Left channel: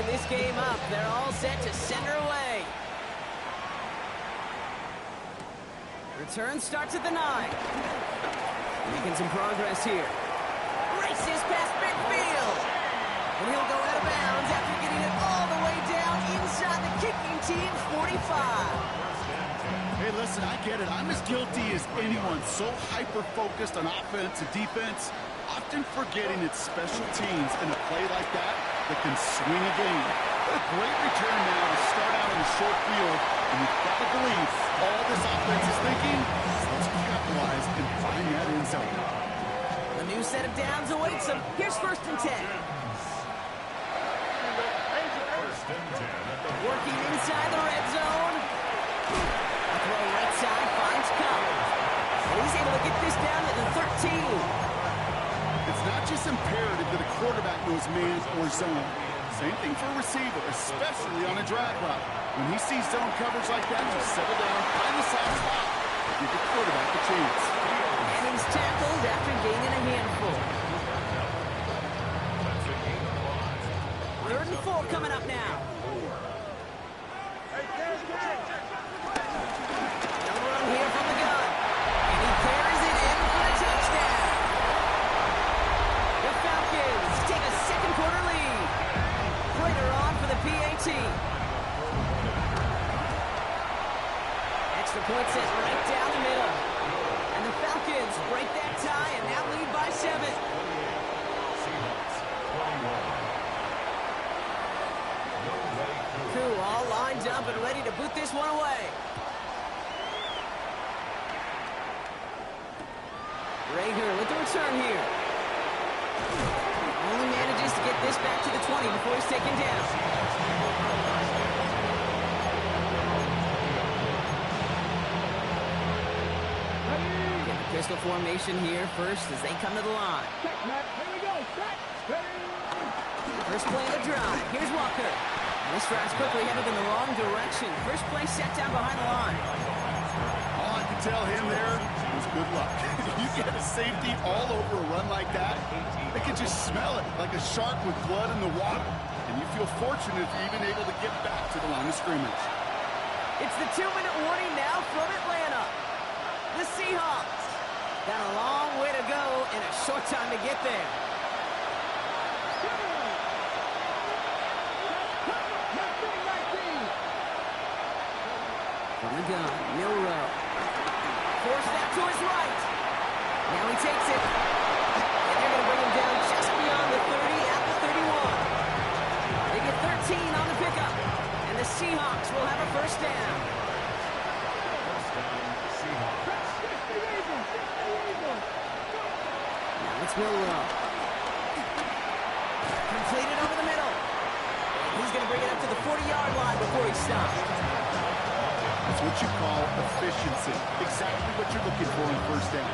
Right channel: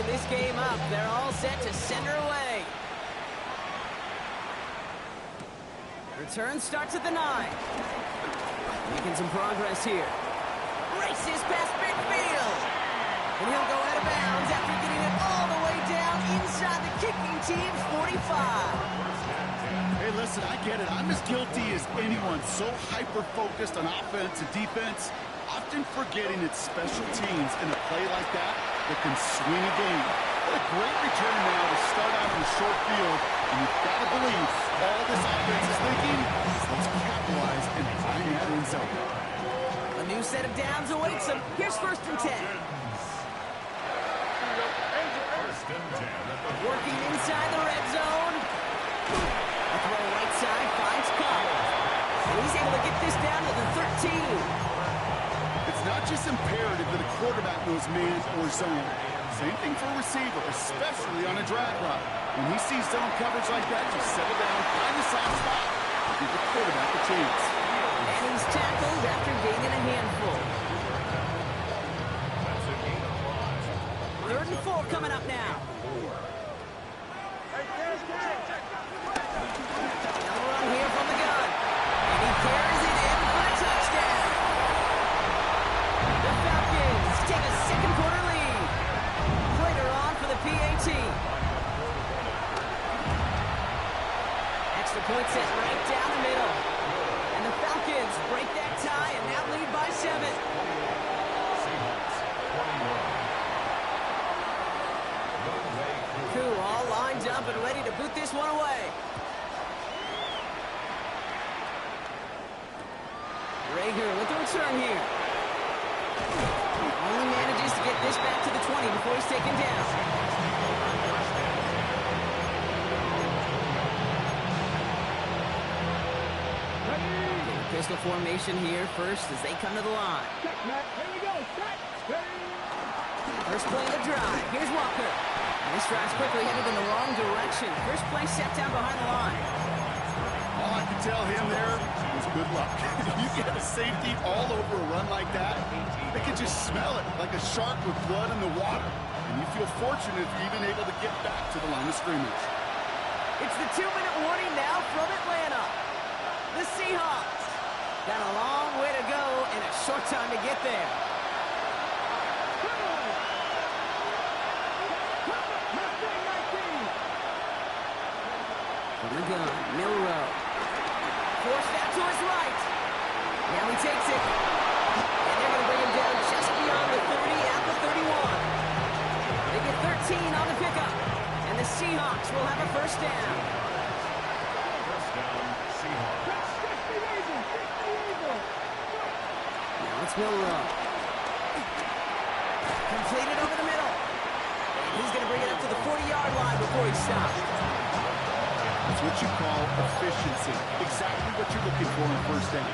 tying this game up. They're all set to send her away. Return starts at the 9. Making some progress here. Races past midfield. And he'll go out of bounds after getting it all the way down inside the kicking team's 45. Hey, listen, I get it. I'm as guilty as anyone. So hyper-focused on offense and defense, often forgetting it's special teams in a play like that can swing a game. What a great return now to start out on the short field. And you've got to believe all this offense is thinking is let's capitalize and find that end zone. A new set of downs awaits them. Here's 1st and 10. Working inside the red zone. A throw right side finds Cup. And he's able to get this down to the 13. It's not just imperative that a quarterback knows man or zone. Same thing for a receiver, especially on a drag route. When he sees zone coverage like that, just settle down, find the soft spot, and give the quarterback a chance. And he's tackled after gaining a handful. 3rd and 4 coming up now. They'll run here from the gun. And he carries it in for the touchdown. The Falcons take a second quarter lead. Prater on for the PAT. Extra point set right down the middle. And the Falcons break that tie and now lead by 7. Koo all lined up and ready to boot this one away. Rager with the return here. Only manages to get this back to the 20 before he's taken down. Get the pistol formation here first as they come to the line. Here we go. First play of the drive. Here's Walker. And this drive's quickly headed in the wrong direction. First play set down behind the line. All I could tell him there was good luck. You get a safety all over a run like that, they can just smell it like a shark with blood in the water. And you feel fortunate if you're even able to get back to the line of scrimmage. It's the 2-minute warning now from Atlanta. The Seahawks got a long way to go and a short time to get there. From the gun, Milrow. Forced out to his right. Now he takes it. And they're going to bring him down just beyond the 30 at the 31. They get 13 on the pickup. And the Seahawks will have a first down. Now it's Milrow. Completed over the middle. And he's going to bring it up to the 40-yard line before he stops. That's what you call efficiency. Exactly what you're looking for in first down.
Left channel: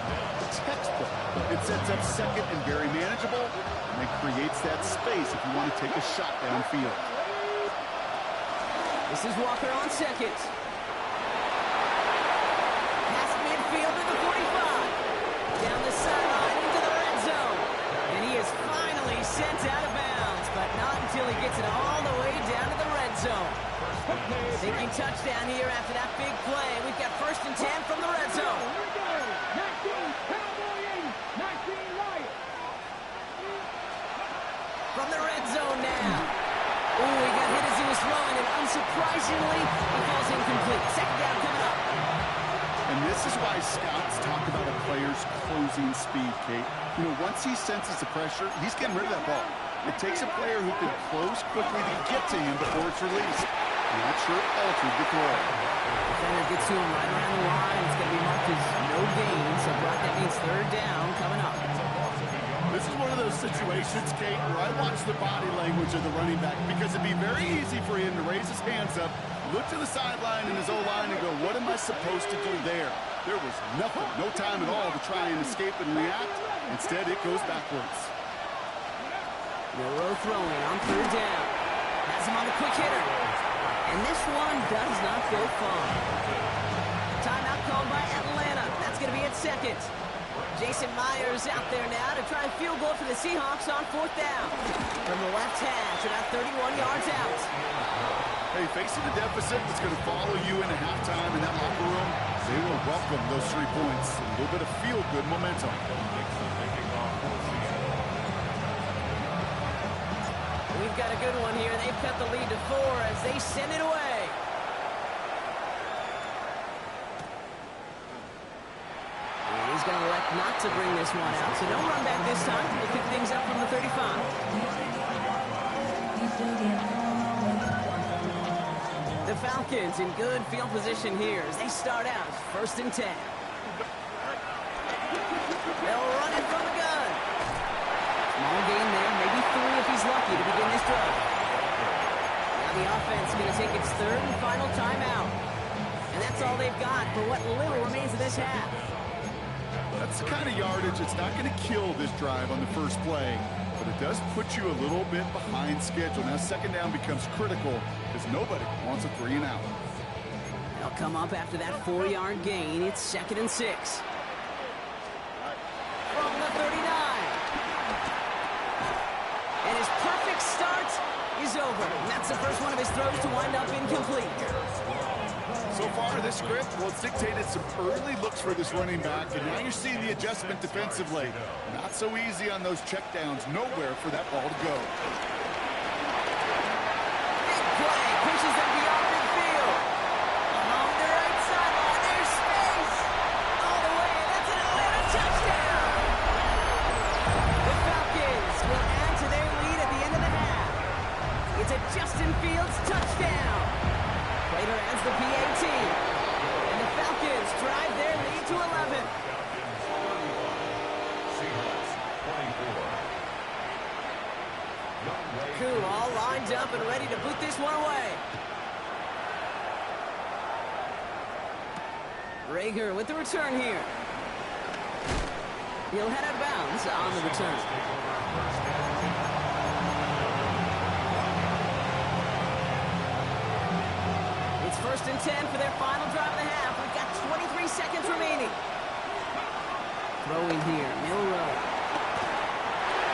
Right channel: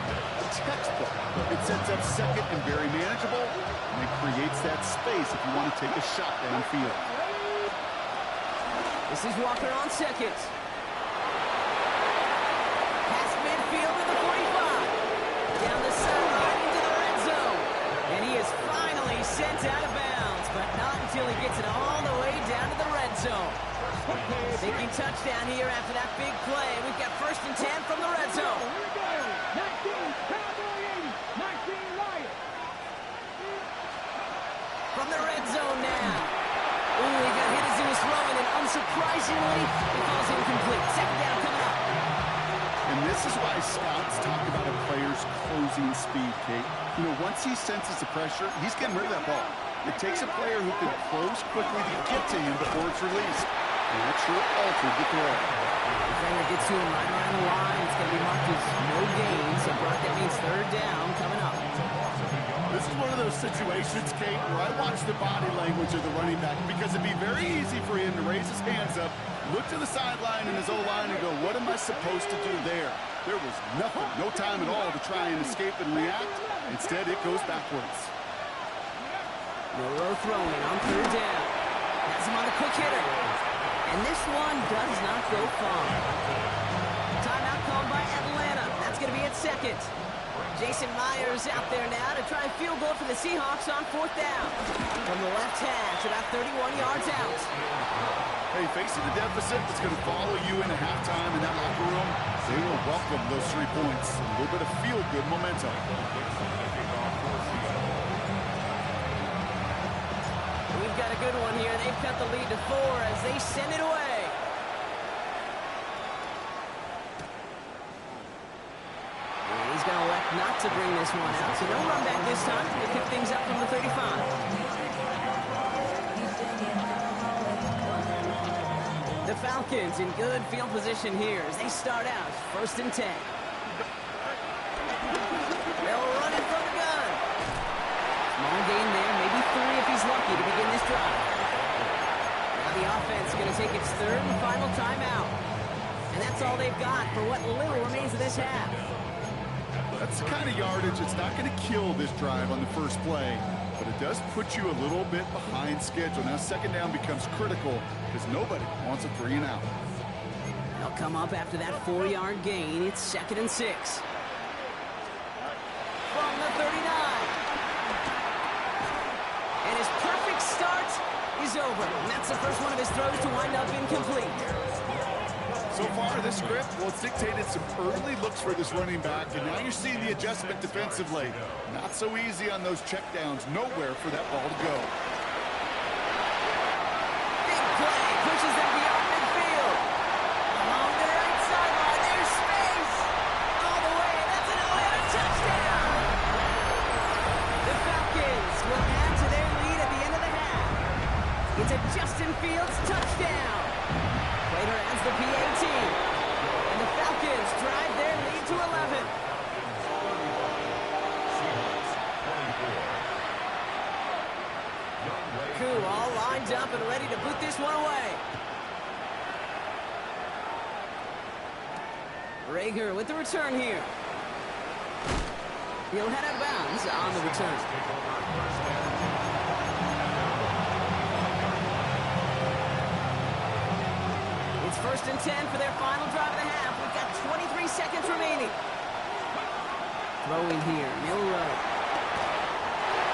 Textbook. It sets up second and very manageable, and it creates that space if you want to take a shot downfield. This is Walker on second. Past midfield to the 45. Down the sideline into the red zone. And he is finally sent out of bounds, but not until he gets it all the way down to the red zone. Thinking touchdown here after that big play. We've got 1st and 10 from the red zone. Here we go. 19 Cowboy 80. 19 Lions. From the red zone now. Ooh, he got hit as he was throwing, and unsurprisingly, he falls incomplete. Second down coming up. And this is why scouts talk about a player's closing speed, Kate. You know, once he senses the pressure, he's getting rid of that ball. It takes a player who can close quickly to get to him before it's released. And that sure altered the throw. Defender gets to him right around the line. It's going to be marked as no gain, so Brock, that means 3rd down coming up. This is one of those situations, Kate, where I watch the body language of the running back because it'd be very easy for him to raise his hands up, look to the sideline in his O-line and go, what am I supposed to do there? There was nothing, no time at all to try and escape and react. Instead, it goes backwards. Milrow throwing on 3rd down. Has him on a quick hitter. And this one does not go far. Timeout called by Atlanta. That's going to be at second. Jason Myers out there now to try a field goal for the Seahawks on 4th down. From the left hash, about 31 yards out. Hey, facing a deficit that's going to follow you into halftime in that locker room, they will welcome those 3 points. A little bit of feel-good momentum. We've got a good one here. They've cut the lead to 4 as they send it away. And he's going to elect not to bring this one out. So no run back this time. They pick things up from the 35. The Falcons in good field position here as they start out 1st and 10. They'll run it from the gun. Small gain there, maybe 3 if he's lucky to begin this drive. Now the offense going to take its 3rd and final timeout. And that's all they've got for what little remains of this half. That's the kind of yardage that's not going to kill this drive on the first play, but it does put you a little bit behind schedule. Now 2nd down becomes critical because nobody wants a 3 and out. They'll come up after that 4-yard gain. It's 2nd and 6. From the 39. And his perfect start is over. And that's the first one of his throws to wind up incomplete. So far, this script, well, it's dictated some early looks for this running back, and now you're seeing the adjustment defensively. Not so easy on those checkdowns. Nowhere for that ball to go. Big play. Pushes them beyond midfield. Along the right sideline. There's space. All the way. That's an Atlanta touchdown. The Falcons will add to their lead at the end of the half. It's a Justin Fields touchdown. Prater adds the PAT. And the Falcons drive their lead to 11. Koo all lined up and ready to boot this one away. Rager with the return here. He'll head out of bounds on the return. It's 1st and 10 for their final drive of the half. We've got 23 seconds remaining. Throwing here, Milroe.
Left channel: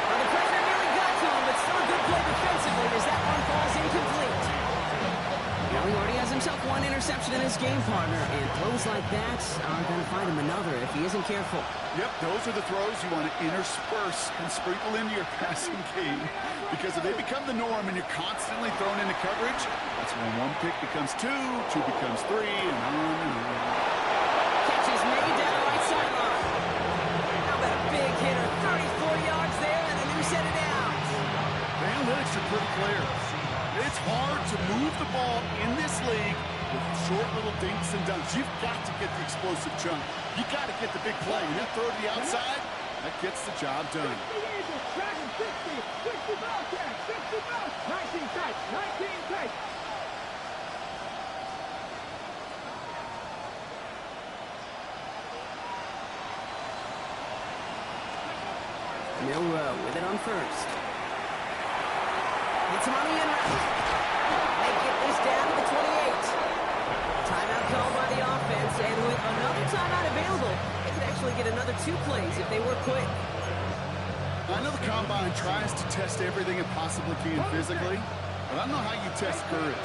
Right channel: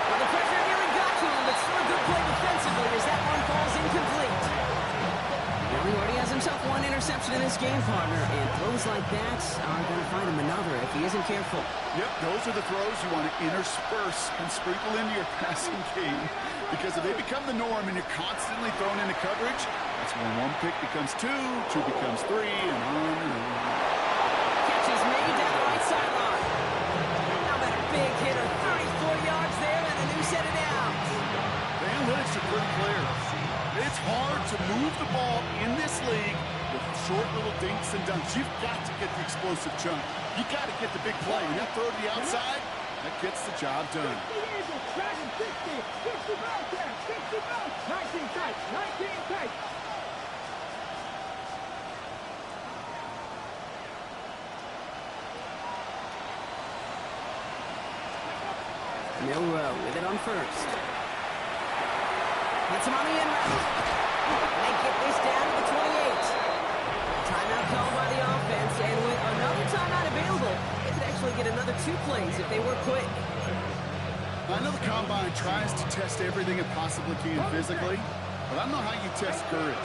Well, the pressure nearly got to him, but still a good play defensively as that one falls incomplete. Well, he already has himself 1 interception in this game, partner, and throws like that are going to find him another if he isn't careful. Yep, those are the throws you want to intersperse and sprinkle into your passing game, because if they become the norm and you're constantly thrown into coverage, that's when 1 pick becomes 2, 2 becomes 3, and on and on. Catch is made down the right sideline. How about a big hitter, 34 yards there and a new set of downs. The analytics are pretty clear. It's hard to move the ball in this league with short little dinks and dunks. You've got to get the explosive chunk. You got to get the big play. And that throw to the outside, that gets the job done. 60 Bobcats, 60 Bobcats, 19 tight, 19 tight. Milroe with it on 1st. Hits him on the in route. They get this down to the 28. Timeout called by the offense, and with another timeout available, they could actually get another 2 plays if they were quick. I know the Combine tries to test everything it possibly can physically, but I don't know how you test courage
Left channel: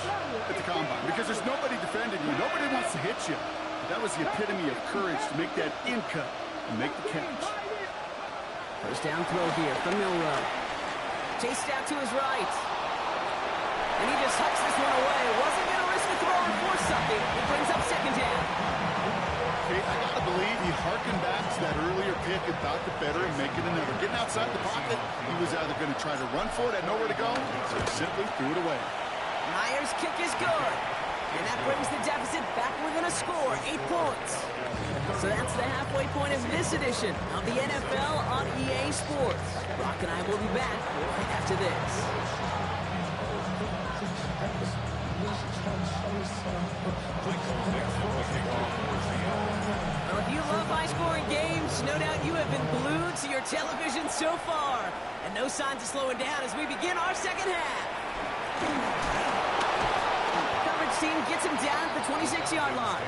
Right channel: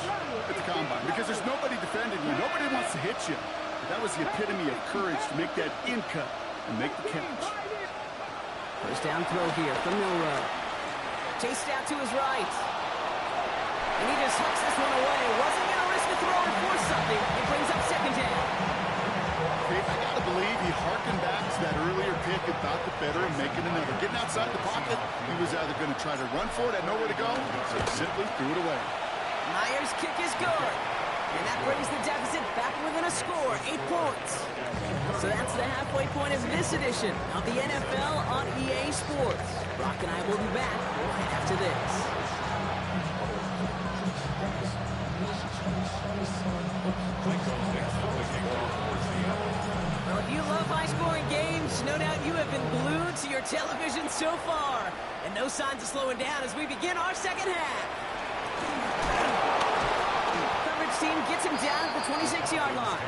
at the Combine, because there's nobody defending you. Nobody wants to hit you. But that was the epitome of courage to make that in cut and make the catch. 1st down throw here from Milroe. Chased out to his right. And he just hucks this one away. Wasn't going to risk a throw or force something. It brings up 2nd down. Okay, I got to believe he harkened back to that earlier pick and thought the better of making another. Getting outside the pocket, he was either going to try to run for it, had nowhere to go, so he simply threw it away. Myers' kick is good. And that brings the deficit back within a score, 8 points. So that's the halfway point of this edition of the NFL on EA Sports. Brock and I will be back right after this. Well, if you love high-scoring games, no doubt you have been glued to your television so far. And no signs of slowing down as we begin our 2nd half. Coverage team gets him down at the 26-yard line.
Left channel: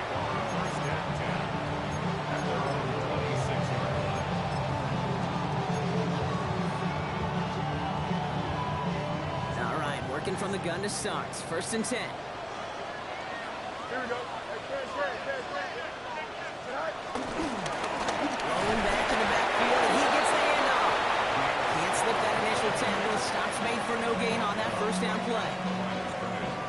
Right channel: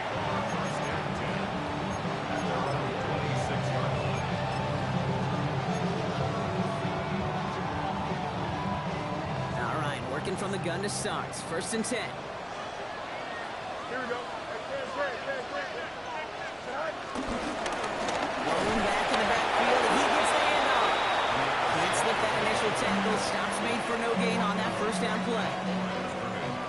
looking from the gun to start. 1st and 10. Here we go. Blowing back in the backfield, and he gets the handoff. Can't slip that initial tackle. Stops made for no gain on that 1st down play.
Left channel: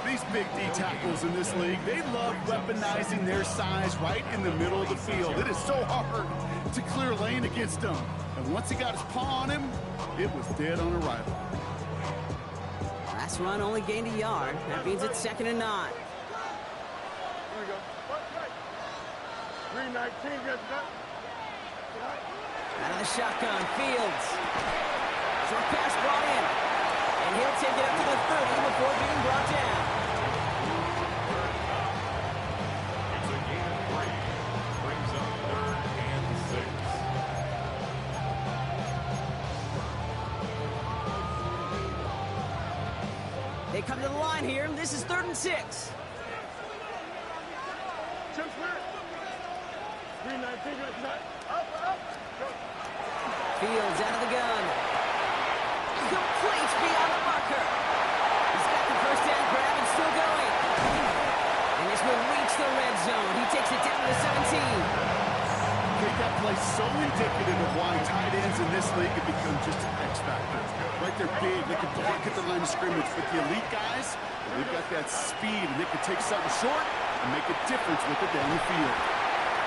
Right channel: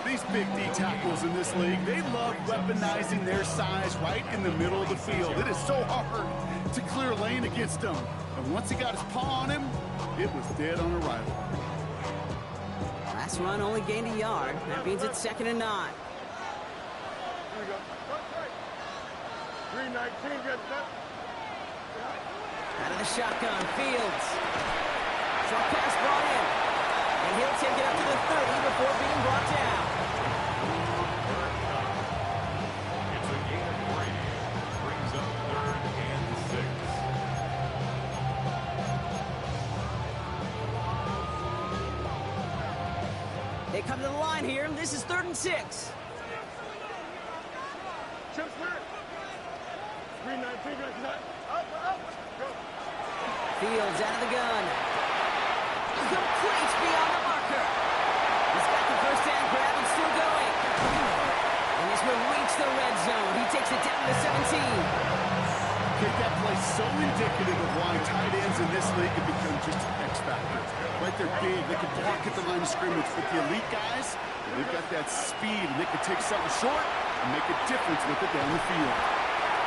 These big D tackles in this league, they love weaponizing their size right in the middle of the field. It is so hard to clear lane against them. And once he got his paw on him, it was dead on arrival. Last run only gained a yard. That means it's 2nd and 9. Here we go. 319, good stuff. Out of the shotgun, Fields. Short pass brought in. And he'll take it up to the 30 before being brought down. It's a gain of 3. Brings up 3rd and 6. They come to the line here. This is 3rd and 6. Chip clear. 319, good stuff. Up. Go. Fields out of the gun. Complete beyond the marker. He's got the 1st down grab and still going. And this will reach the red zone. He takes it down to 17. Okay, that play so indicative of why tight ends in this league have become just an X factor. Right, they're big, they can block at the line of scrimmage, but the elite guys, they've got that speed, and they can take something short and make a difference with it down the field.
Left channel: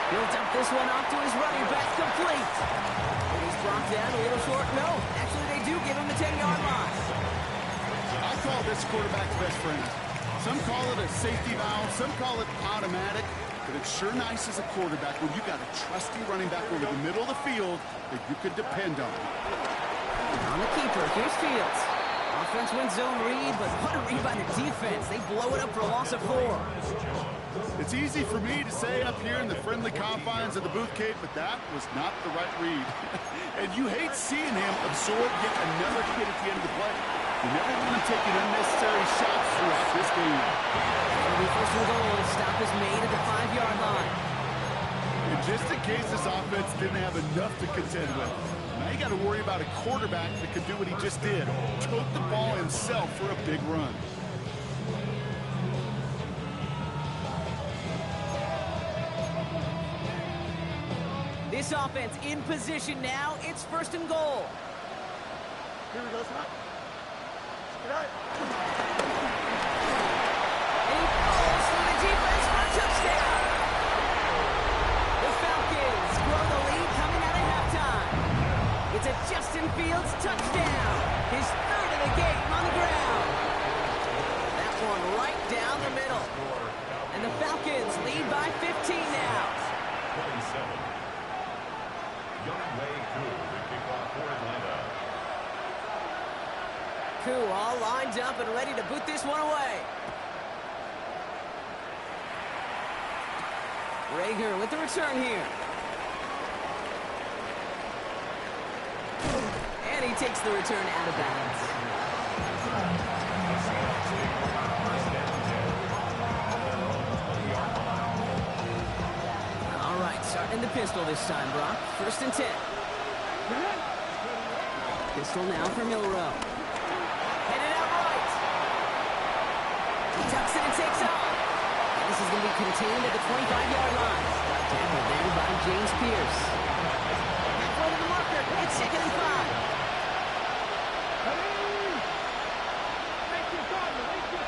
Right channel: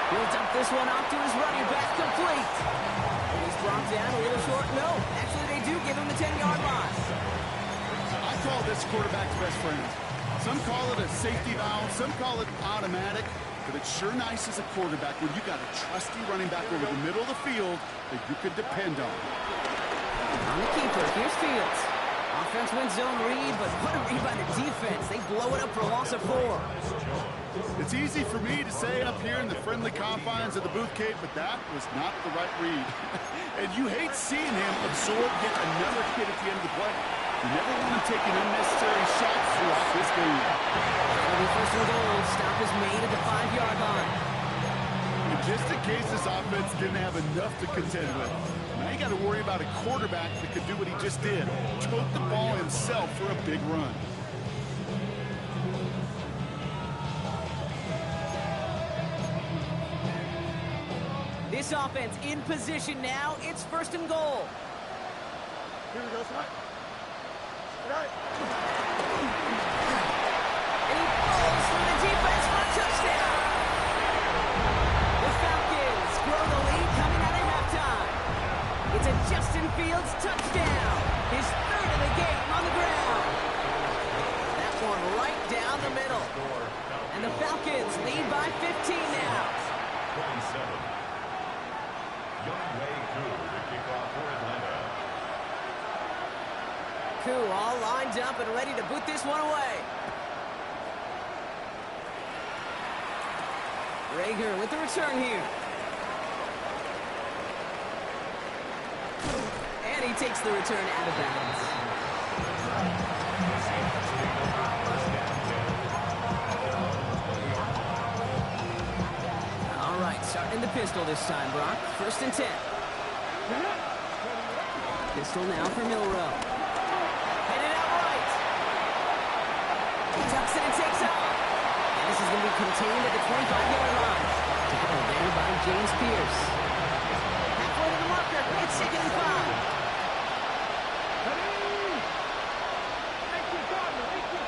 He'll dump this one off to his running back, complete. And he's brought down a little short. No, actually they do give him the 10-yard line. I call this quarterback's best friend. Some call it a safety valve, some call it automatic, but it's sure nice as a quarterback when you got a trusty running back over the middle of the field that you can depend on. On the keeper, here's Fields. Offense wins zone read, but what a read by the defense. They blow it up for a loss of 4. It's easy for me to say up here in the friendly confines of the Booth Cape, but that was not the right read. And you hate seeing him absorb yet another hit at the end of the play. You never want him taking unnecessary shots throughout this game. It'll be 1st and goal. Stop is made at the 5-yard line. And just in case this offense didn't have enough to contend with, now you got to worry about a quarterback that could do what he just did. Tote the ball himself for a big run. This offense in position now. It's 1st and goal. Here we go, son. Good night. And he falls through the defense for a touchdown. The Falcons grow the lead coming out of halftime. It's a Justin Fields touchdown. His 3rd of the game on the ground. That one right down the middle. And the Falcons lead by 15 now. 27. Younghoe Koo, the kickoff for Atlanta. Koo all lined up and ready to boot this one away. Rager with the return here. And he takes the return out of bounds. The Seahawks take over 1st and 10 at their own 20-yard line. All right, starting in the pistol this time, Brock. 1st and 10. Pistol now for Milroe. Headed out right. He tucks it and takes off. And this is going to be contained at the 25-yard line. Tackled there by James Pierce. Halfway to the marker. It's 2nd and 5. Ready? 18 Cardinal. 19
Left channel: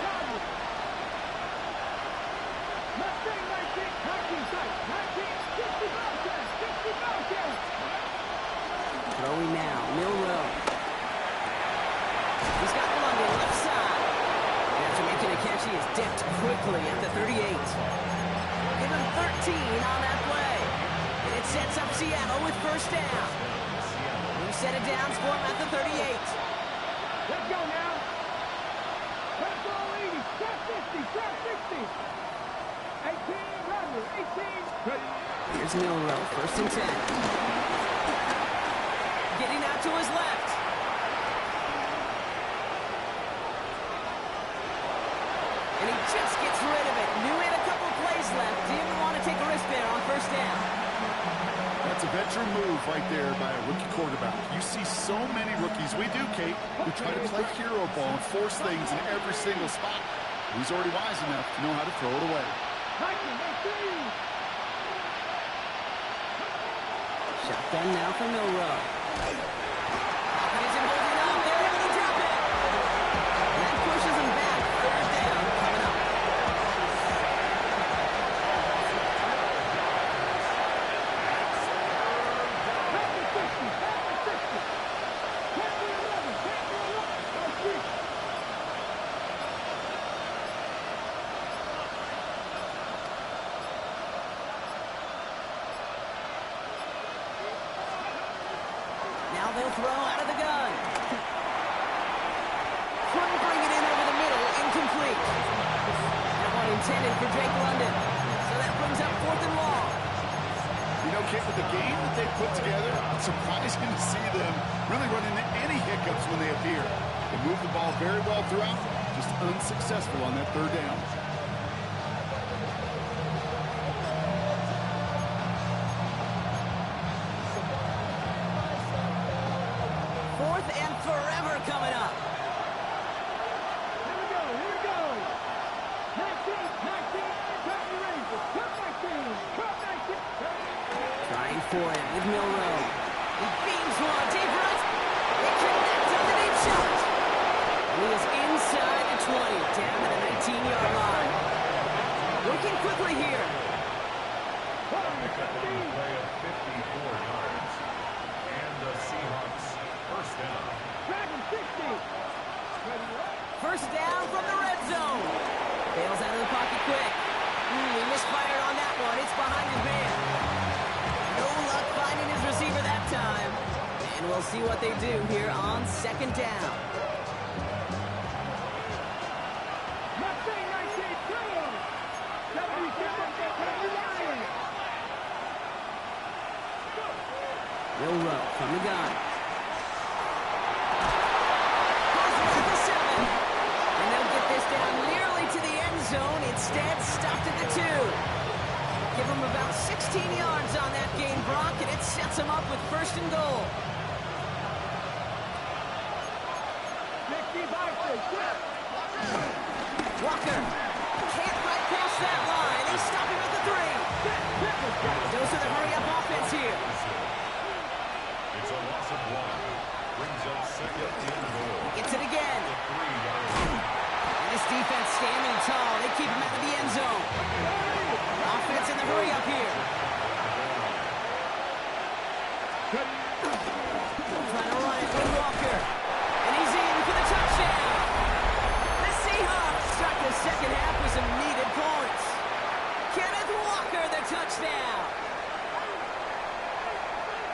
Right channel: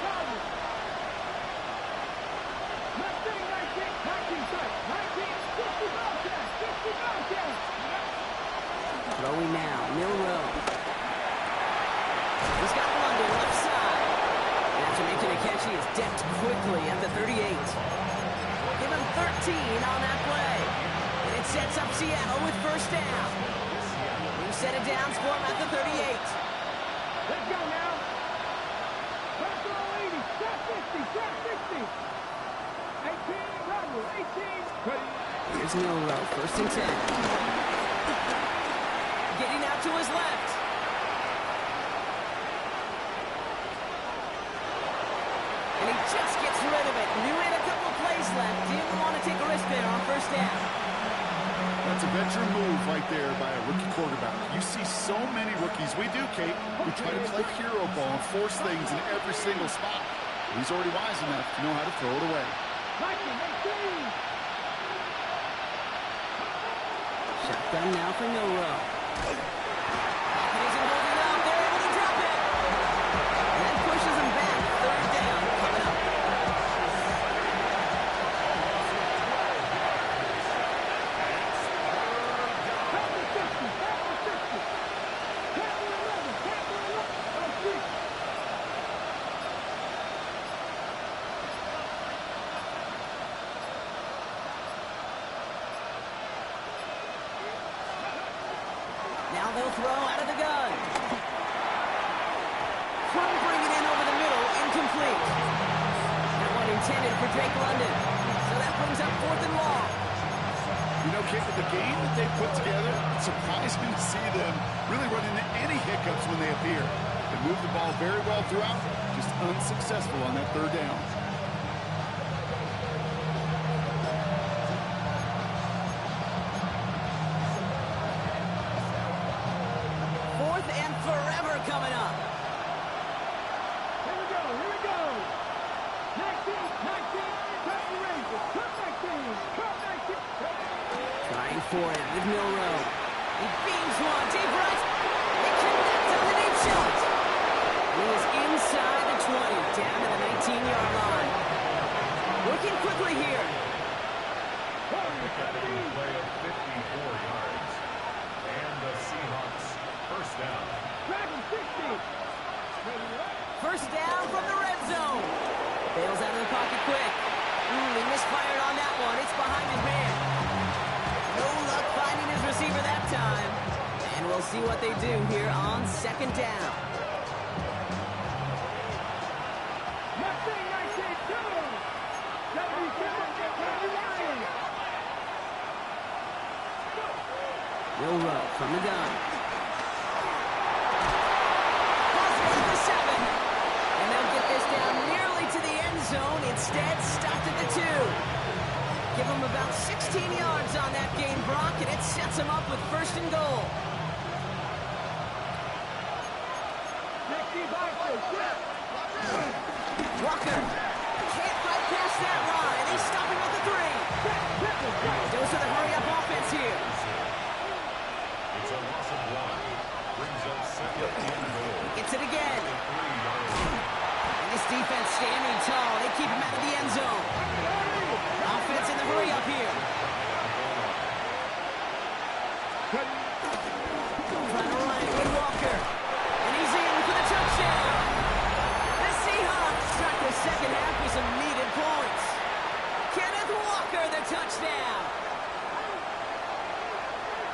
sight. 60 Bobcats. Throwing now, Milroe. He's got London left side. And after making a catch, he is decked quickly at the 38. Give him 13 on that play. And it sets up Seattle with 1st down. New set of downs for him at the 38. Let's go now. Press all 80. Trap 50. 18, Rodney. 18. Ready. Here's Milroe, 1st and 10. Getting out to his left. And he just gets rid of it. Knew he had a couple of plays left. Didn't want to take a risk there on 1st down. That's a veteran move right there by a rookie quarterback. You see so many rookies. We do, Kate. We try to play hero ball and force things in every single spot. He's already wise enough to know how to throw it away. Shotgun now for Milroe. Pocket isn't holding up. They're able to drop it. And that pushes them back. Third down coming up. Now they'll throw out of the gun. Couldn't bring it in over the middle. Incomplete. That one intended for Drake London. So that brings up 4th and long. You know, Kate, with the game that they put together, it's surprising to see them really run into any hiccups when they appear. They move the ball very well throughout, just unsuccessful on that 3rd down. Forever coming up. Here we go, here we go. 19, Kentucky Rangers. Come 19. Trying for it with Milroe. He beams one, deep right. They connect on the deep shot. He is inside the 20, down to the 19-yard line. Working quickly here. Pick up on the play of 54 yards. And the Seahawks first down. Dragon 60. First down from the red zone. Bails out of the pocket quick. He misfired on that one. It's behind his man. No luck finding his receiver that time. And we'll see what they do here on 2nd down. Mustang 19, 2. 77, Kentucky Lions. Milroe from the gun. At the 7. And they'll get this down nearly to the end zone. Instead, stopped at the 2. Give them about 16 yards on that game, Brock, and it sets them up with 1st and goal. Walker can't fight past that line. They stop him at the 3. Dose of the hurry-up offense here. It's a loss of 1. Brings up 2nd and goal. Gets it again. 3-yard And this defense standing tall. They keep him out of the end zone. Offense in the hurry-up here. Trying to run it with Walker. And he's in for the touchdown. The Seahawks start the 2nd half with some needed points. Kenneth Walker, the touchdown.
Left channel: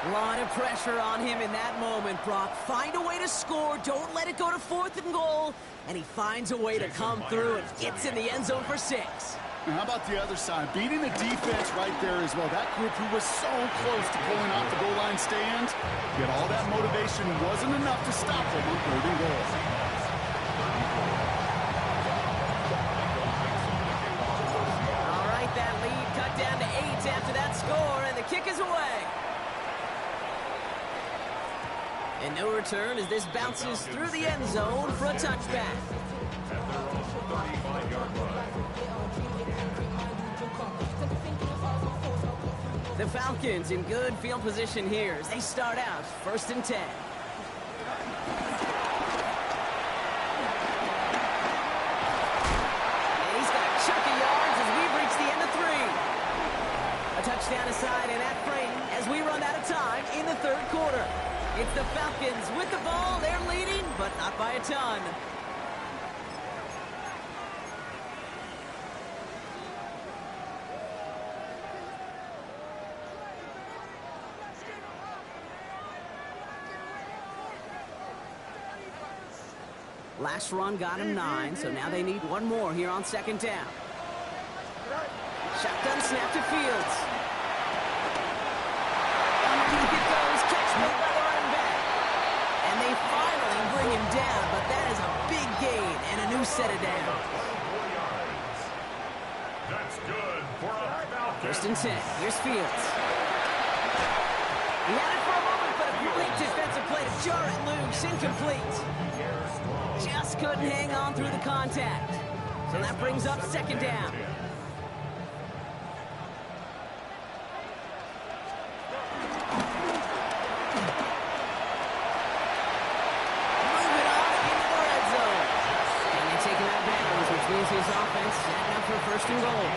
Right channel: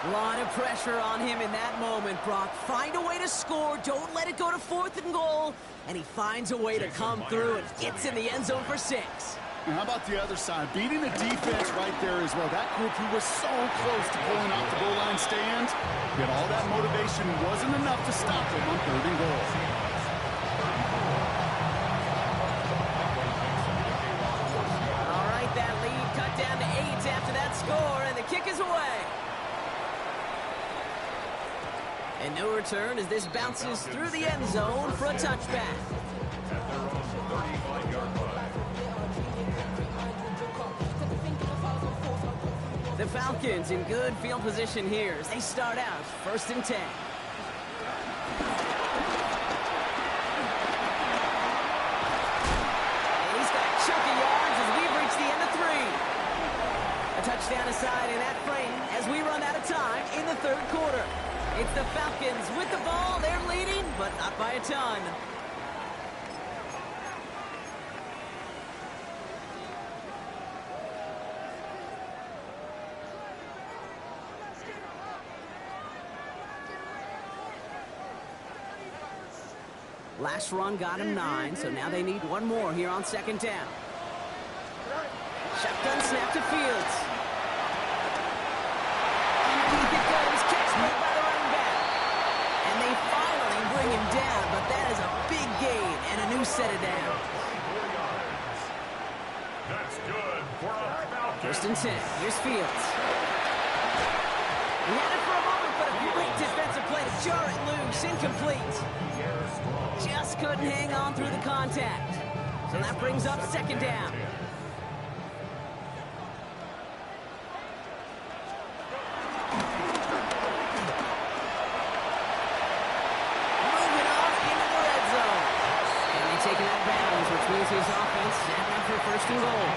A lot of pressure on him in that moment, Brock. Find a way to score. Don't let it go to 4th and goal. And he finds a way to come through and gets in the end zone for 6. And how about the other side? Beating the defense right there as well. That group who was so close to pulling off the goal line stand, yet all that motivation wasn't enough to stop them on 3rd and goal. All right, that lead cut down to 8 after that score, and the kick is away. And no return as this bounces through the end zone for a touchback. At their own 35-yard line. The Falcons in good field position here as they start out 1st and 10. And he's got a chunk of yards as we've reached the end of 3. A touchdown aside in that frame as we run out of time in the 3rd quarter. It's the Falcons with the ball. They're leading, but not by a ton. Last run got him 9, so now they need one more here on 2nd down. Shotgun snap to Fields. Underneath it goes, catch made by the running back. And they finally bring him down, but that is a big gain and a new set of downs. 4 yards. That's good for a Falcon. 1st and 10. Here's Fields. He had it for a moment, but a great defensive play to jar it loose. Incomplete. Just couldn't hang on through the contact. So that brings up second down. Moving on into the red zone. And they take it out of bounds, which means his offense setting up for first and goal.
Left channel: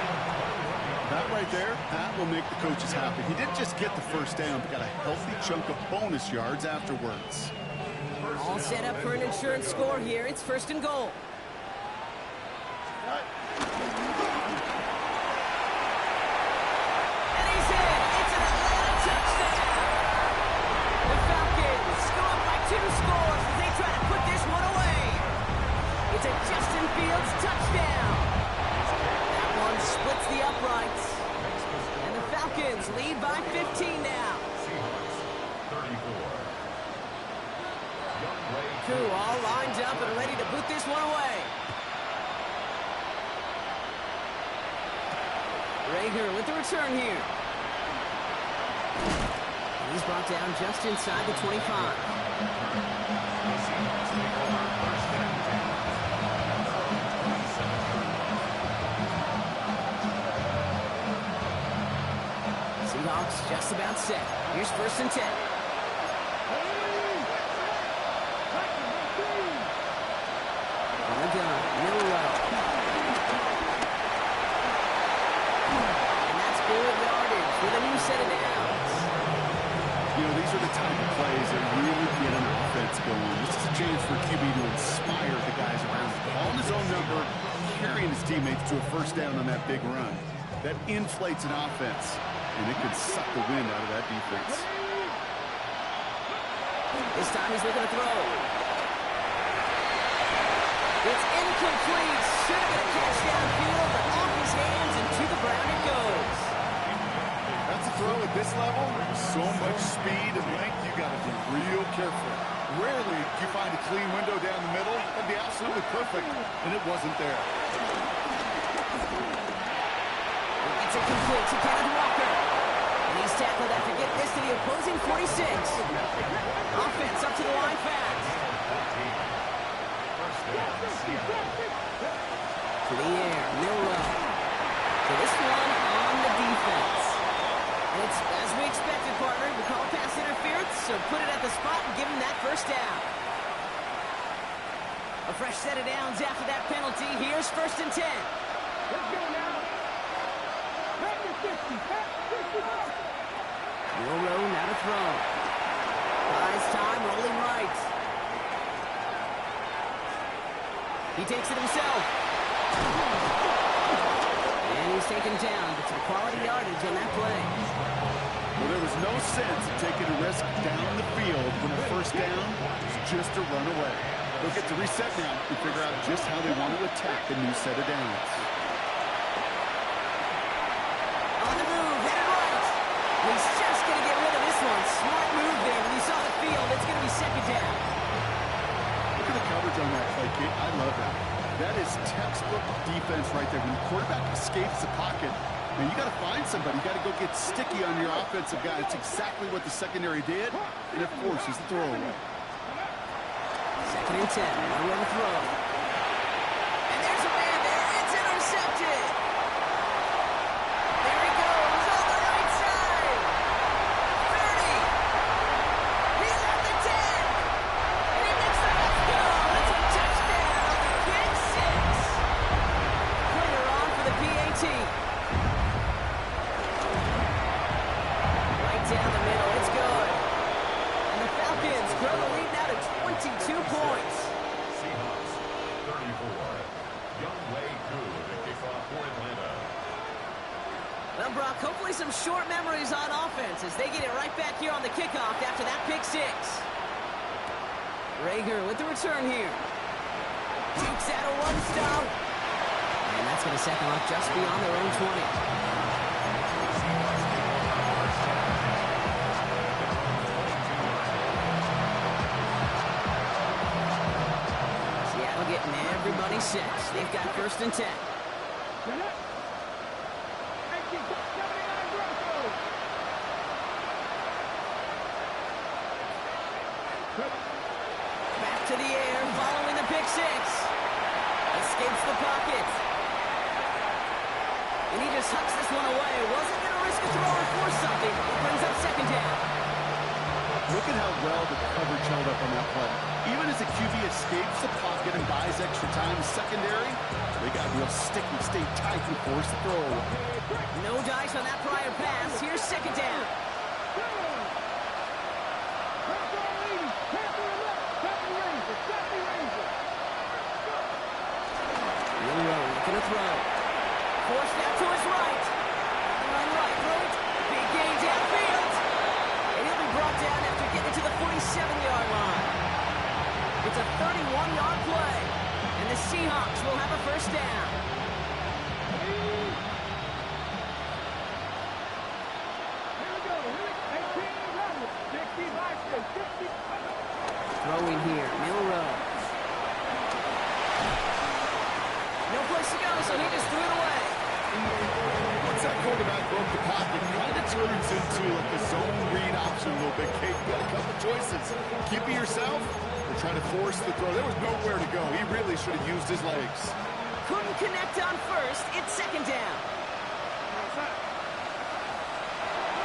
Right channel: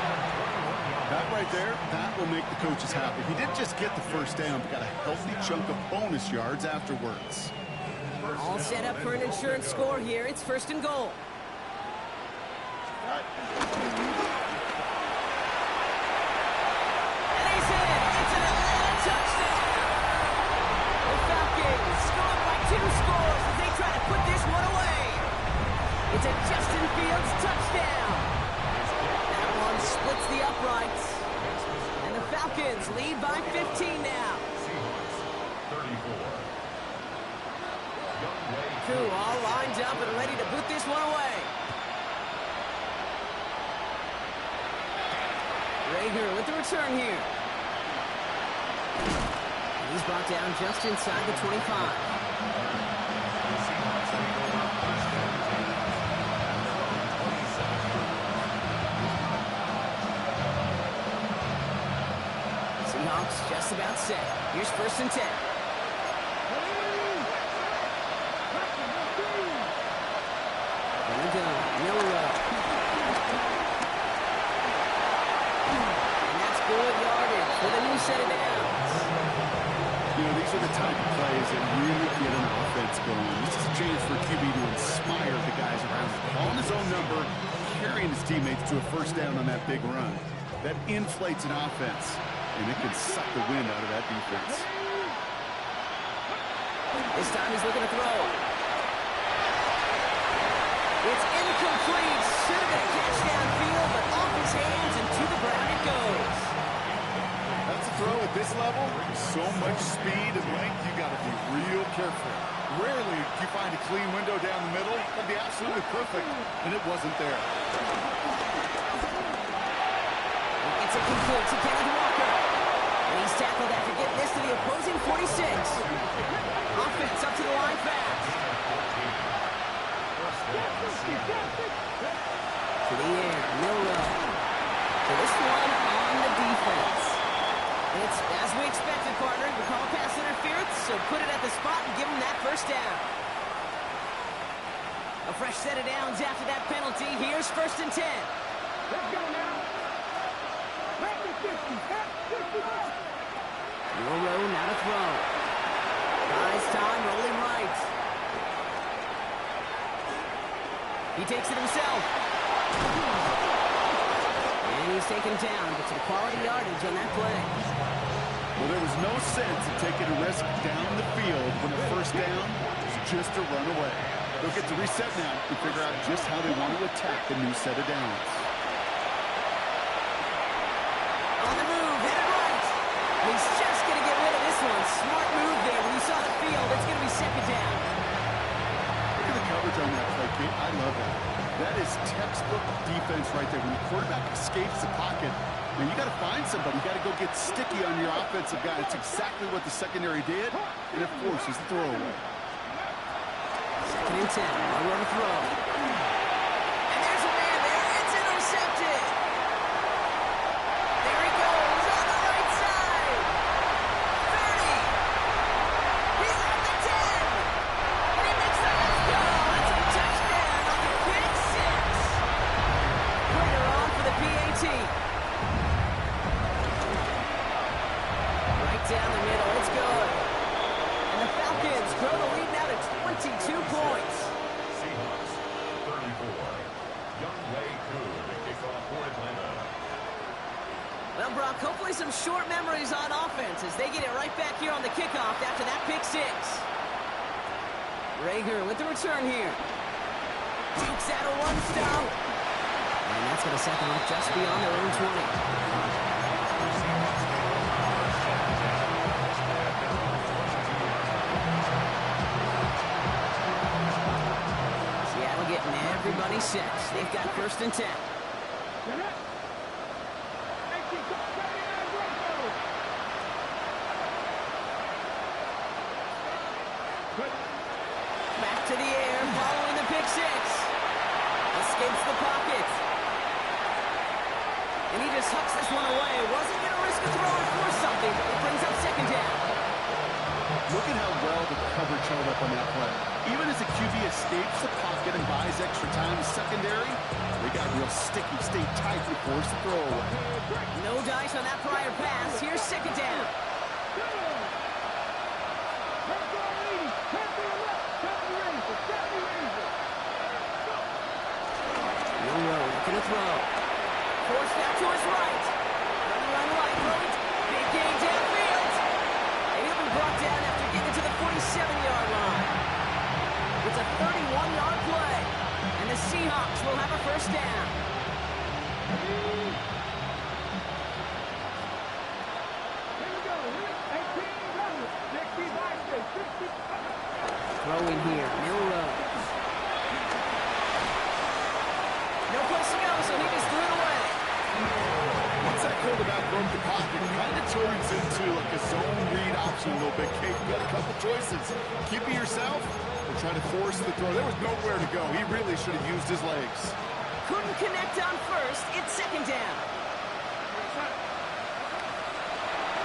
That right there, that will make the coaches happy. He didn't just get the first down, but got a healthy chunk of bonus yards afterwards. All set up for an insurance score here. It's first and goal. And he's in. It's an Atlanta touchdown. The Falcons go up by 2 scores as they try to put this one away. It's a Justin Fields touchdown. That one splits the uprights. And the Falcons lead by 15 now. Seahawks 34. Koo all lined up and ready to put this one away. Rager with the return here. And he's brought down just inside the 25. The Seahawks take over first and 10 at their own 27-yard line. Seahawks just about set. Here's first and 10. And a gun, Milrow. And that's good yardage with a new set of downs. You know, these are the type of plays that really get an offense going. This is a chance for QB to inspire the guys around him. Calling his own number, carrying his teammates to a first down on that big run. That inflates an offense, and it can suck the wind out of that defense. This time he's looking to throw. It's incomplete. Should have been a catch downfield, but off his hands and to the ground it goes. That's a throw at this level. So much speed and length, you got to be real careful. Rarely do you find a clean window down the middle. That'd be absolutely perfect, and it wasn't there. It's incomplete to Kenneth Walker. And he's tackled after getting this to the opposing 46. Offense up to the line fast. To the air, Milrow. So this one on the defense. And it's as we expected, partner. We call pass interference, so put it at the spot and give him that first down. A fresh set of downs after that penalty. Here's first and 10. Let's go now. Back to 50. Back to 50. Milrow now to throw. Buys time, rolling right. He takes it himself. And he's taken down, but some quality yardage on that play. Well, there was no sense in taking a risk down the field when the first down was just a run away. They'll get to reset now and figure out just how they want to attack the new set of downs. On the move, headed right. And he's just going to get rid of this one. Smart move there. When you saw the field, it's going to be second down. Look at the coverage on that play, Kate. I love that. That is textbook defense right there. When the quarterback escapes the pocket, man, you got to find somebody. You got to go get sticky on your offensive guy. That's exactly what the secondary did, and it forces the throwaway. Second and 10. One run throw. And there's a man there. It's intercepted. There he goes on the right side. 30. He's at the 10. And he makes the let's go. It's a touchdown on the pick six. Later on for the PAT. Right down the middle. It's good. And the Falcons grow the lead now to 22 points. Seahawks 34. Younghoe Koo to kick off for Atlanta. Well, Brock, hopefully some short memories on offense as they get it right back here on the kickoff after that pick six. Rager with the return here. Dukes out a one stop. And that's going to set them up just beyond their own 20. Seahawks take over first and 10 at their own 22-yard line. Seattle getting everybody set. They've got first and 10. Get it. 79 Broncos. Back to the air, following the pick six. Escapes the pocket. And he just hucks this one away. Wasn't going to risk a throw or force something. It brings up second down. Look at how well the coverage held up on that play. Even as the QB escapes the pocket and buys extra time secondary, they got real sticky, stayed tight to force the throw away. No dice on that prior pass. Here's second down. Milroe looking to throw. Forced out to his right. On the run right. Throwing. Big gain downfield. And he'll be brought down after getting to the 47-yard line. It's a 31-yard play. And the Seahawks will have a first down. Throwing here, Milroe. No place to go, so he just threw it away. Once that quarterback broke the pocket, it kind of turns into like a zone read option a little bit. Kate, you got a couple choices. Keep it yourself or try to force the throw. There was nowhere to go. He really should have used his legs. Couldn't connect on first. It's second down.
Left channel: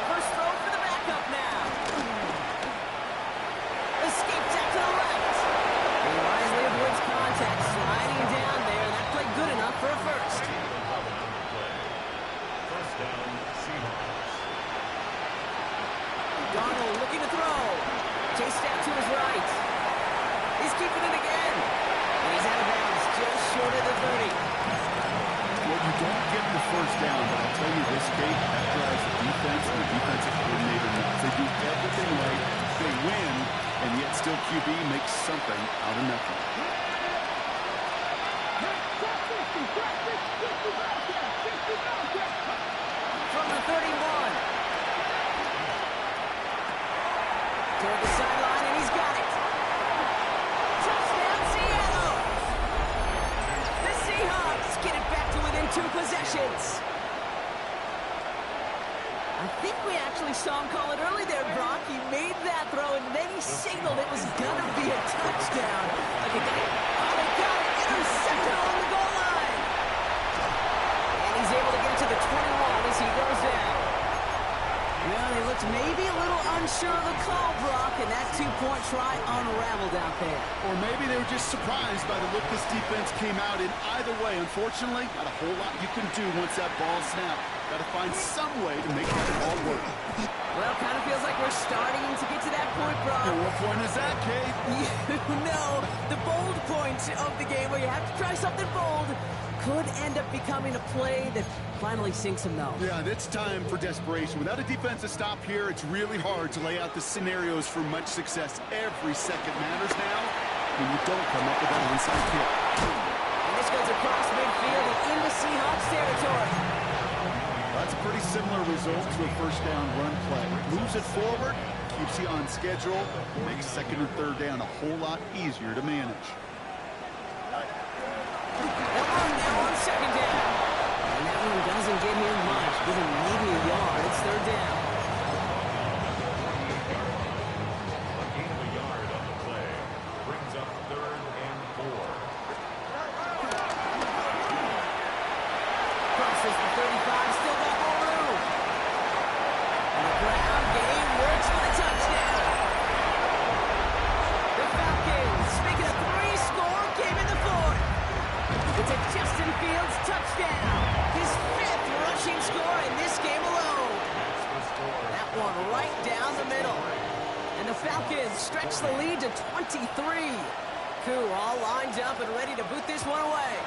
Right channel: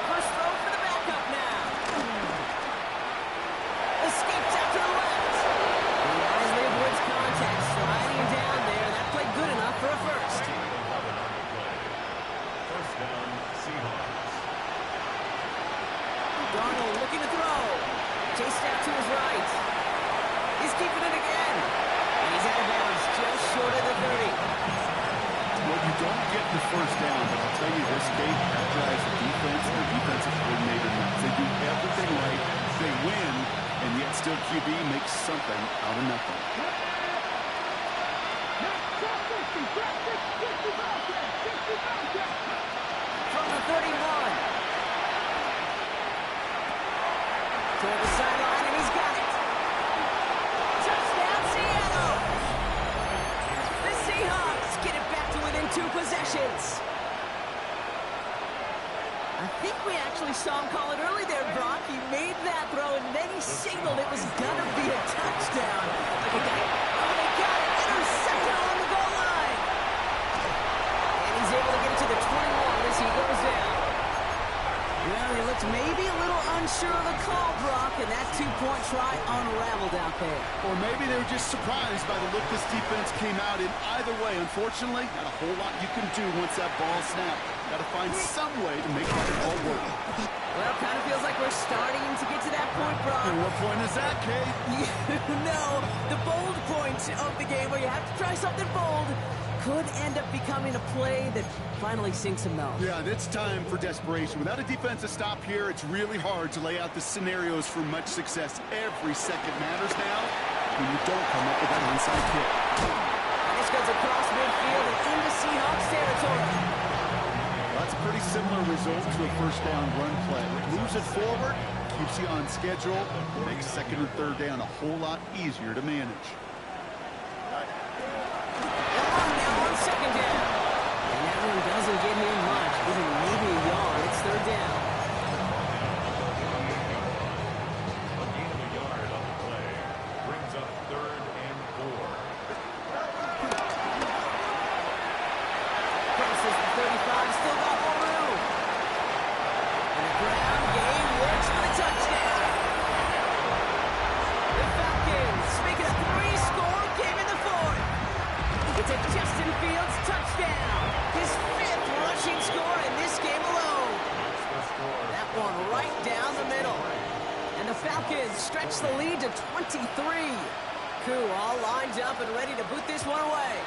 First throw for the backup now. Escapes out to the left. He wisely avoids contact, sliding down there. That played good enough for a first. First down, Seahawks. Darnold looking to throw. Chased out to his right. He's keeping it again. And he's out of bounds, just short of the 30. Well, you don't get the first down, but I'll tell you this, Kate, that drives the defense and the defensive coordinator nuts. They do everything right. They win, and yet still QB makes something out of nothing. From the 31. Toward the sideline, and he's got it. Touchdown, Seattle! The Seahawks get it back to within 2 possessions. I think we actually saw him call it early there, Brock. He made that throw, and then he signaled it was going to be a touchdown. Like a guy, oh, they got it. Intercepted along the goal line. And he's able to get it to the 21 as he goes down. Well, he looked maybe a little unsure of the call, Brock, and that 2-point try unraveled out there. Or maybe they were just surprised by the look this defense came out in. Either way, unfortunately, not a whole lot you can do once that ball snapped. Got to find some way to make that all work. Well, kind of feels like we're starting to get to that point, Brock. And what point is that, Kate? You know, the bold point of the game where you have to try something bold could end up becoming a play that finally sinks him, though. Yeah, it's time for desperation. Without a defensive stop here, it's really hard to lay out the scenarios for much success. Every second matters now when you don't come up with that onside kick. And this goes across midfield and into Seahawks territory. That's a pretty similar result to a first down run play. Moves it forward, keeps you on schedule, makes second and third down a whole lot easier to manage. Elon now on second down. And that one doesn't get him much. Give him maybe a yard. It's third down. A gain of a yard on the play brings up 3rd and 4. Crosses the 35, still got more room. And the ground game works for the touchdown. The Falcons, making a 3-score game in the 4th. It's a Justin Fields touchdown. His 5th rushing score in this game alone. That one right down the middle. And the Falcons stretch the lead to 23. Koo all lined up and ready to boot this one away.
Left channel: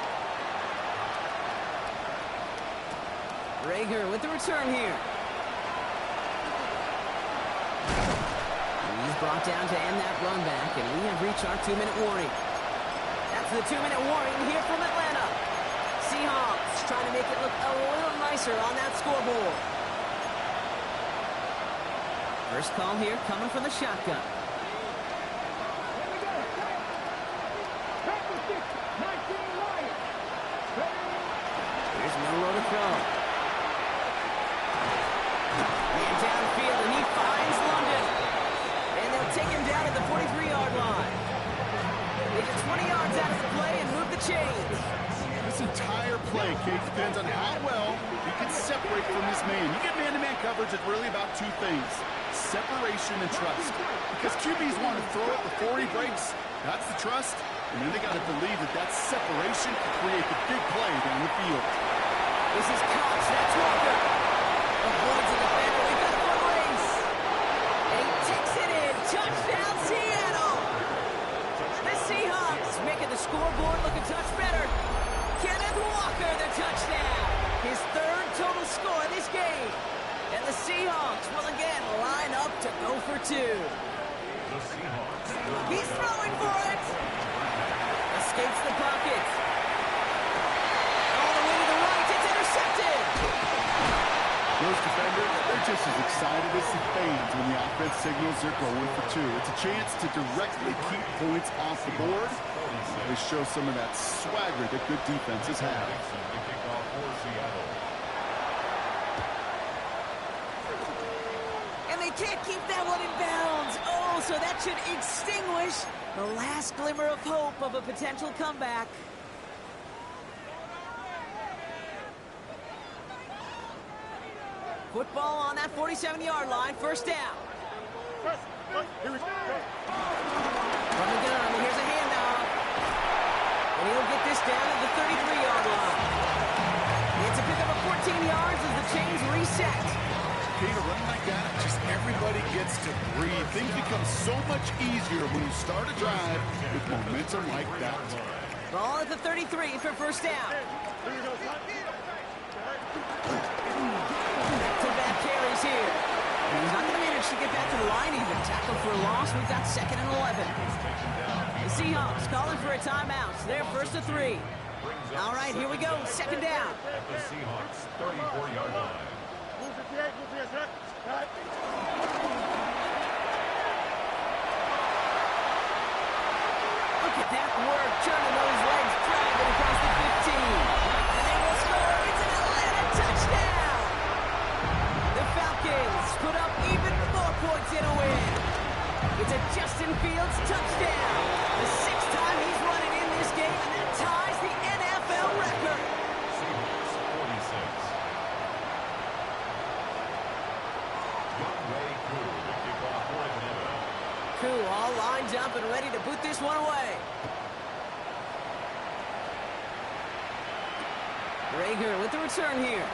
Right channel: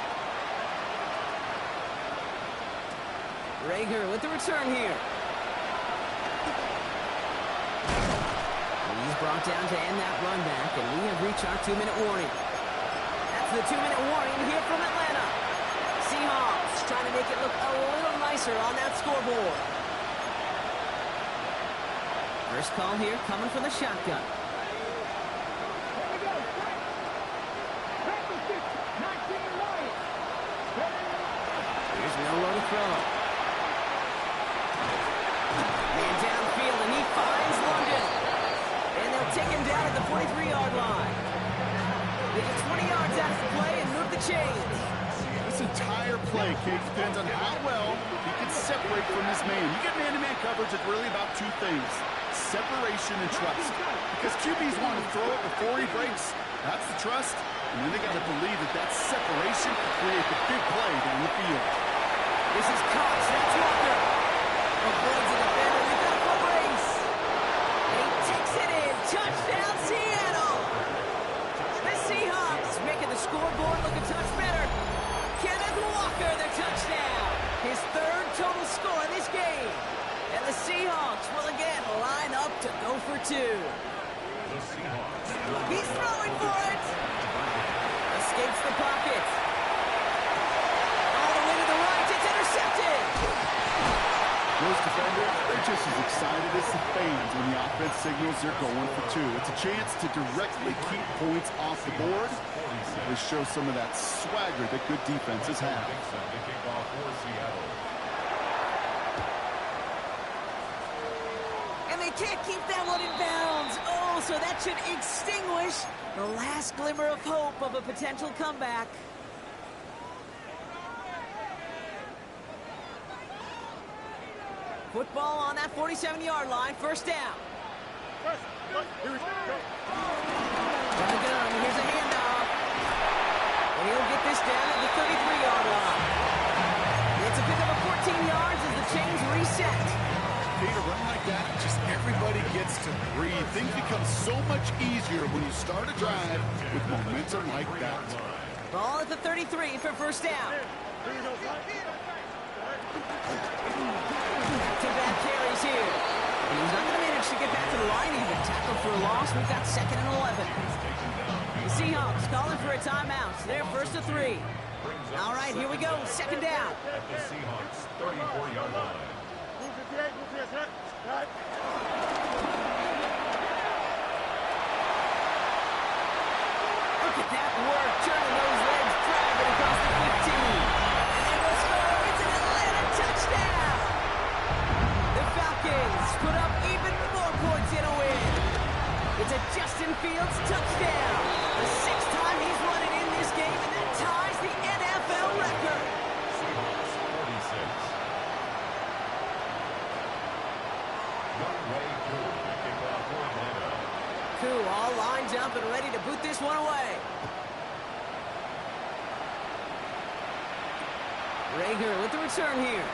Rager with the return here. He's brought down to end that run back, and we have reached our 2-minute warning. That's the 2-minute warning here from Atlanta. Seahawks trying to make it look a little nicer on that scoreboard. First call here coming from the shotgun. Here we go. Second 6, 19 Lions. Here's Milroe to throw. Man downfield, and he finds London. And they'll take him down at the 43-yard line. They get 20 yards out of the play and move the chains. This entire play, Kate, depends on how well he can separate from his man. You get man-to-man coverage, it's really about two things: separation and trust. Because QBs want to throw it before he breaks. That's the trust. And then they got to believe that that separation can create the big play down the field. This is Cox. That's Walker. Avoids the defender. We've got a foot race. And he takes it in. Touchdown, Seattle. The Seahawks making the scoreboard look a touch better. Kenneth Walker, the touchdown. His third total score in this game. And the Seahawks will again line up to go for two. The Seahawks. He's throwing for it. Escapes the pocket. All the way to the right. It's intercepted. Those defenders, they're just as excited as the fans when the offense signals they're going for two. It's a chance to directly keep points off the board. They show some of that swagger that good defenses have. The kickoff for Seattle. And they can't keep that one in bounds. Oh, so that should extinguish the last glimmer of hope of a potential comeback. Football on that 47-yard line, first down. From the gun, here's a handoff. And he'll get this down at the 33-yard line. It's a pickup of 14 yards as the chains reset. Peter, running like that, just everybody gets to breathe. Things become so much easier when you start a drive with momentum like that. Ball at the 33 for first down. Back-to-back carries here. And he's not going to manage to get back to the line even. Tackle for a loss. We've got 2nd and 11. The Seahawks calling for a timeout. They're first to 3. All right, here we go. 2nd down. At the Seahawks 34-yard line. Look at that work, turning those legs, dragging across the 15. And they will score. It's an Atlanta touchdown. The Falcons put up even more points in a win. It's a Justin Fields touchdown. The 6th time he's run it in this game, and that ties the NFL record. Seahawks 46. Younghoe Koo, the kickoff for Atlanta. Koo all lined up and ready to boot this one away. Rager with the return here.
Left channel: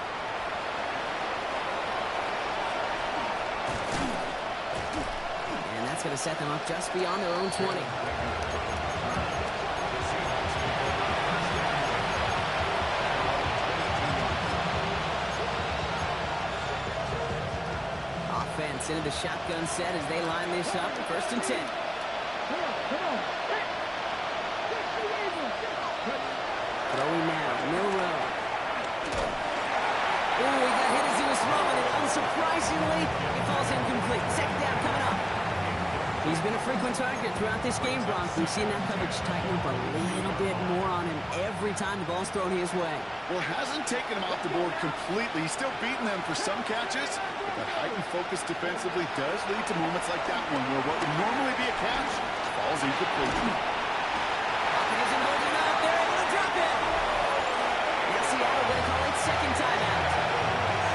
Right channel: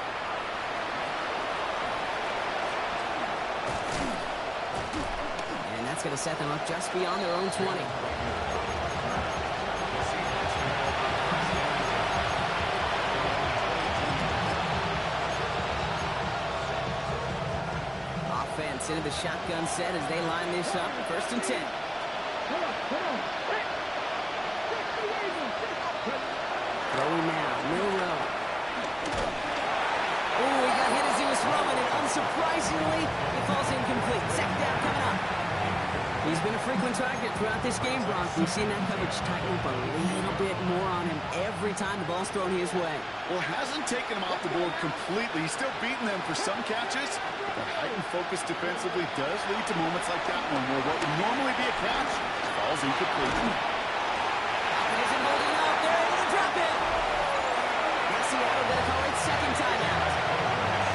And that's going to set them up just beyond their own 20. Offense into the shotgun set as they line this up. 1st and 10. Come on. Throwing now, Milroe. Ooh, he got hit as he was throwing it. Unsurprisingly, he falls incomplete. 2nd down coming up. He's been a frequent target throughout this game, Brock. We've seen that coverage tighten up a little bit more on him every time the ball's thrown his way. Well, hasn't taken him off the board completely. He's still beating them for some catches, but that heightened focus defensively does lead to moments like that one where what would normally be a catch falls incomplete. Pocket isn't holding up. They're able to drop it. Now Seattle going to call it 2nd timeout.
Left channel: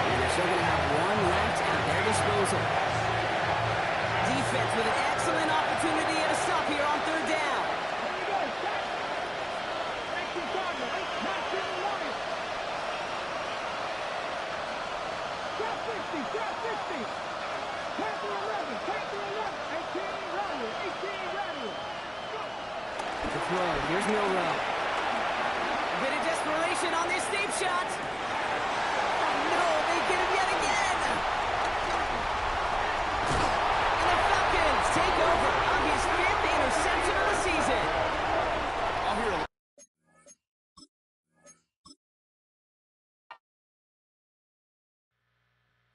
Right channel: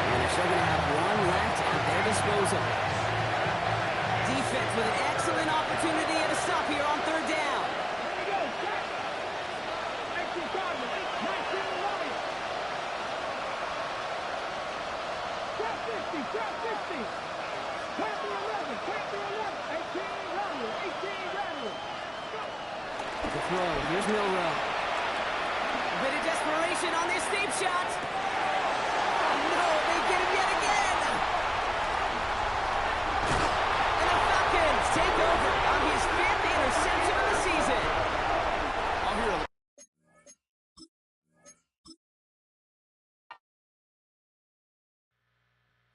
And they're still going to have one left at their disposal. Defense with an excellent opportunity and a stop here on 3rd down. There you go, set. 19 Cardinals, 19 Lions. Trap 50, trap 50. Panther 11, 18 Radical, 18 Radical. The throw, here's Milroe. A bit of desperation on this deep shot. Oh no, they get him yet again. Take over on his 5th interception of the season. I'll hear a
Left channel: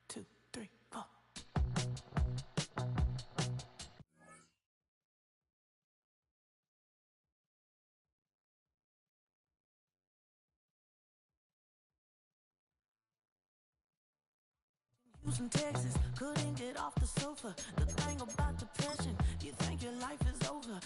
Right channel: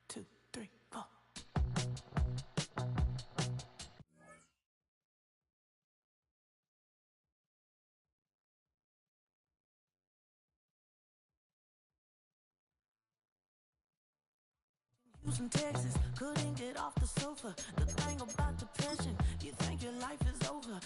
Two, three, four. in Texas, couldn't get off the sofa. The thing about depression, you think your life is over.